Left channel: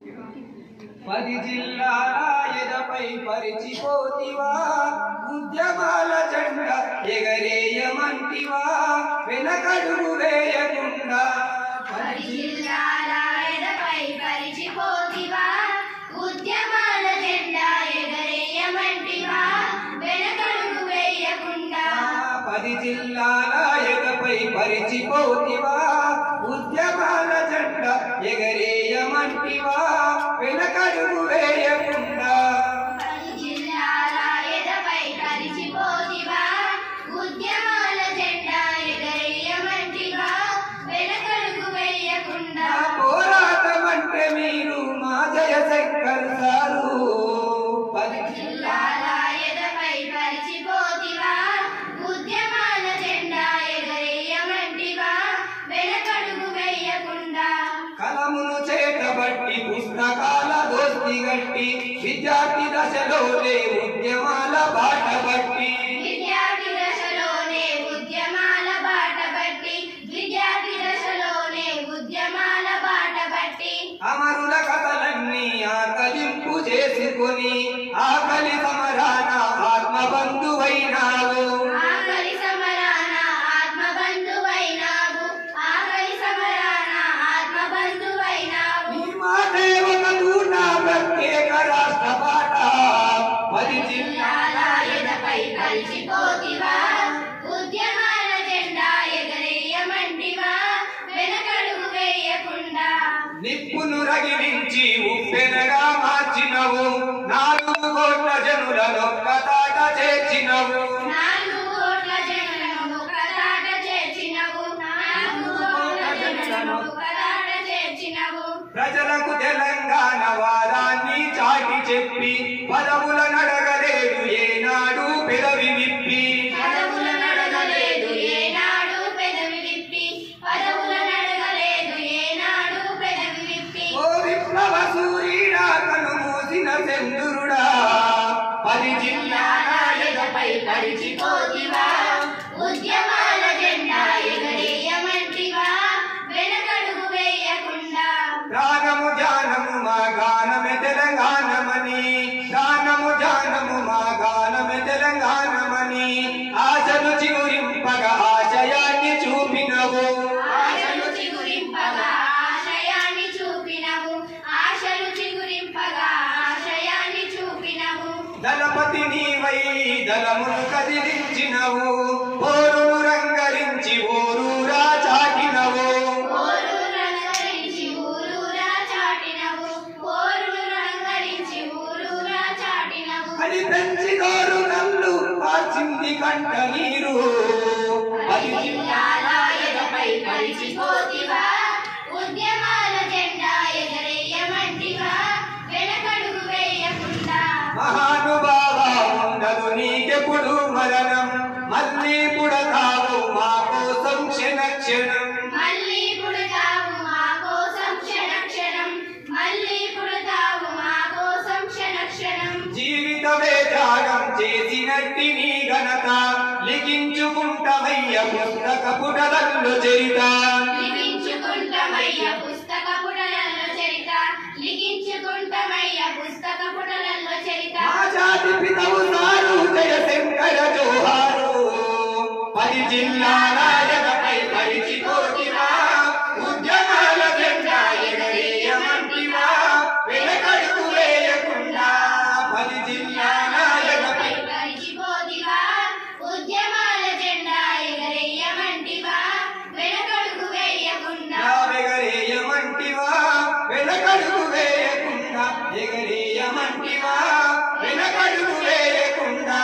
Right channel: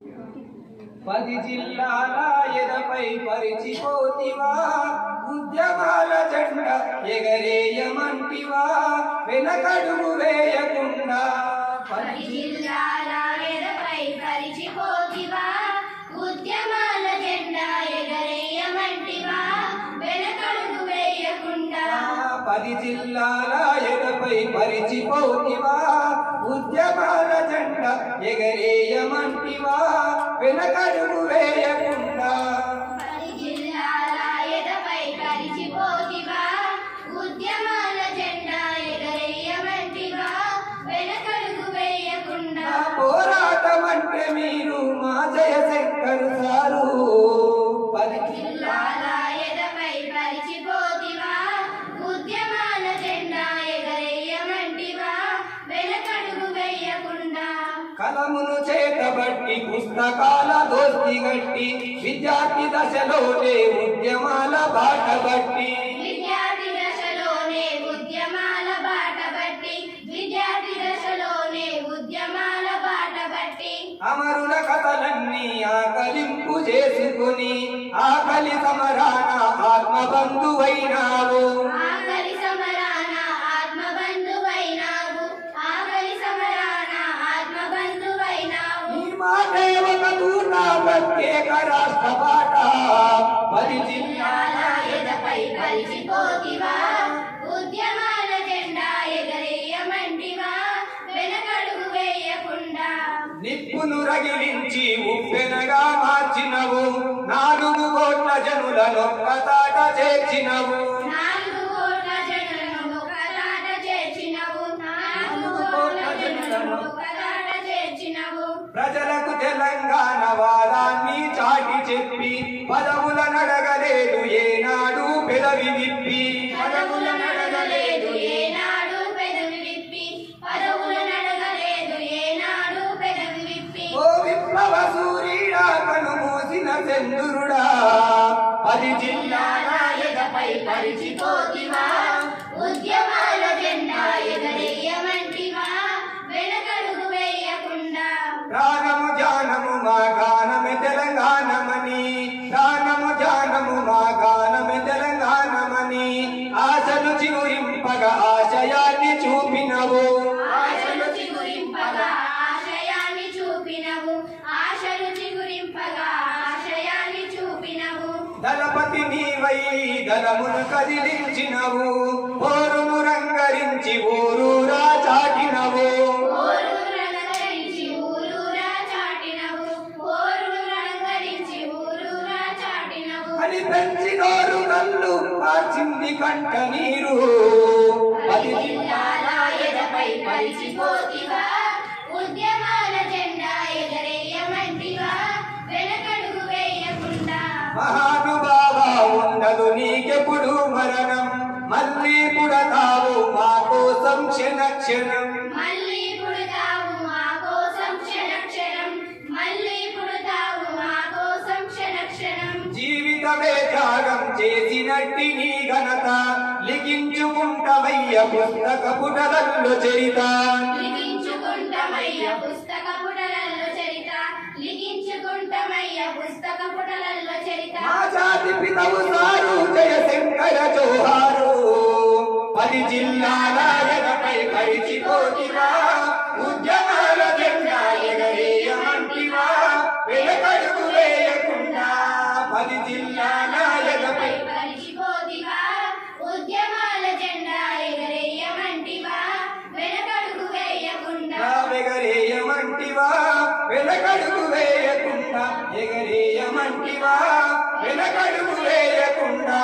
10 జిల్లాల ఎదపై పరిచిపోతివా ఉద్యమాల జెండా ఎగరేయమంటివా వెనకడుగు వేయకుండా 10 జిల్లాల ఎదపై పరిచిపోతివా ఉద్యమాల జెండా ఎగరేయమంటివా వెనకడుగు వేయకుండా 10 జిల్లాల ఎదపై పరిచిపోతివా ఉద్యమాల జెండా ఎగరేయమంటివా వెనకడుగు వేయకుండా 10 జిల్లాల ఎదపై పరిచిపోతివా ఉద్యమాల జెండా ఎగరేయమంటివా వెనకడుగు వేయకుండా పోరాటం అంటే మీరు మా జయశంకర్ సారు 10 జిల్లాల ఎదపై పరిచిపోతివా ఉద్యమాల జెండా ఎగరేయమంటివా వెనకడుగు వేయకుండా కలమును చేతబట్టి పుస్తకాల దోస్తి గట్టి విద్యార్థి దశలోనే ఉద్యమాల బాట బట్టి విద్యార్థి దశలోనే ఉద్యమాల బాట బట్టి విద్యార్థి దశలోనే ఉద్యమాల బాట బట్టి అమరుల కథలన్నీ ఆకలింపు చేసుకొని ఆకలి సమరాన ఆత్మబంధువైనావు ఆకలి సమరాన ఆత్మబంధువైనావు ఆకలి సమరాన ఆత్మబంధువైనావు ఈ మాటే ఒక దూన ప్రత్యేక రాష్ట్ర బాట 10 జిల్లాల ఎదపై పరిచిపోతివా ఉద్యమాల జెండా ఎగరేయమంటివా వెనకడుగు వేయకుండా నిప్పును రగిలించి ఉప్పెనగా మార్చినవు 4 కోట్ల జనులనొక్కతాట చేర్చినవు 4 కోట్ల జనులను ఒకతాట చేర్చినవు 4 కోట్ల జనులను ఒకతాట చేర్చినవు ప్రజలకు తెలంగాణ వారాన్ని చాటి చెప్పి పదవుల నడగలేడు ఏనాడు పెదవి విప్పి పదవుల నడగలేదు ఏనాడు పెదవి విప్పి పదవుల నడగలేదు ఏనాడు పెదవి విప్పి ఓ విప్లవ సూర్యుడా కను మూసిన చంద్రుడా 10 జిల్లాల ఎదపై పరిచిపోతివా ఉద్యమాల జెండా ఎగరేయమంటివా వెనకడుగు వేయకుండా ప్రాణము జానము మా గానమే తెలంగాణమని ప్రాణము జానము మా గానమే తెలంగాణమని ఆశలు చిగురింపగా ఆశయాన్ని చూపినవు ఆశలు చిగురింపగా ఆశయాన్ని చూపినవు ఆశలు చిగురింపగా ఆశయాన్ని చూపినవు దళపతి నీవై దళమును కదిలించినవు పోరును రంగరించి ఊరూరా చాటినవు ఓరును రంగరించి ఊరూరా చాటినవు ఓరును రంగరించి ఊరూరా చాటినవు అని పెంచి గోరు నల్లు కాచింది కంట నీరు 10 జిల్లాల ఎదపై పరిచిపోతివా ఉద్యమాల జెండా ఎగరేయమంటివా వెనకడుగు వేయకుండా మహానుభావ ఉండదు నీకెప్పుడు మరణం మళ్ళీ పుడతావు మా కోసం క్షణ క్షణం మళ్ళీ పుడతావు మా కోసం క్షణ క్షణం మళ్ళీ పుడతావు మా కోసం క్షణ క్షణం జీవితమే త్యాగం చేసినట్టి నీ ఘనత లిఖించుకుంటమయ్య పుస్తక పుటలలో చరిత లిఖించుకుంటమయ్య పుస్తక పుటలలో చరిత లిఖించుకుంటమయ్య పుస్తక పుటలలో చరిత మా జాతి పితవు సారు జయశంకర జోహారు 10 జిల్లాల ఎదపై పరిచిపోతివా ఉద్యమాల జెండా ఎగరేయమంటివా వెనకడుగు వేయకుండా 10 జిల్లాల ఎదపై పరిచిపోతివా ఉద్యమాల జెండా ఎగరేయమంటివా వెనకడుగు వేయకుండా ఎగరేయమంటివా వెనకడుగు వేయకుండా ఎగరేయమంటివా వెనకడుగు వేయకుండా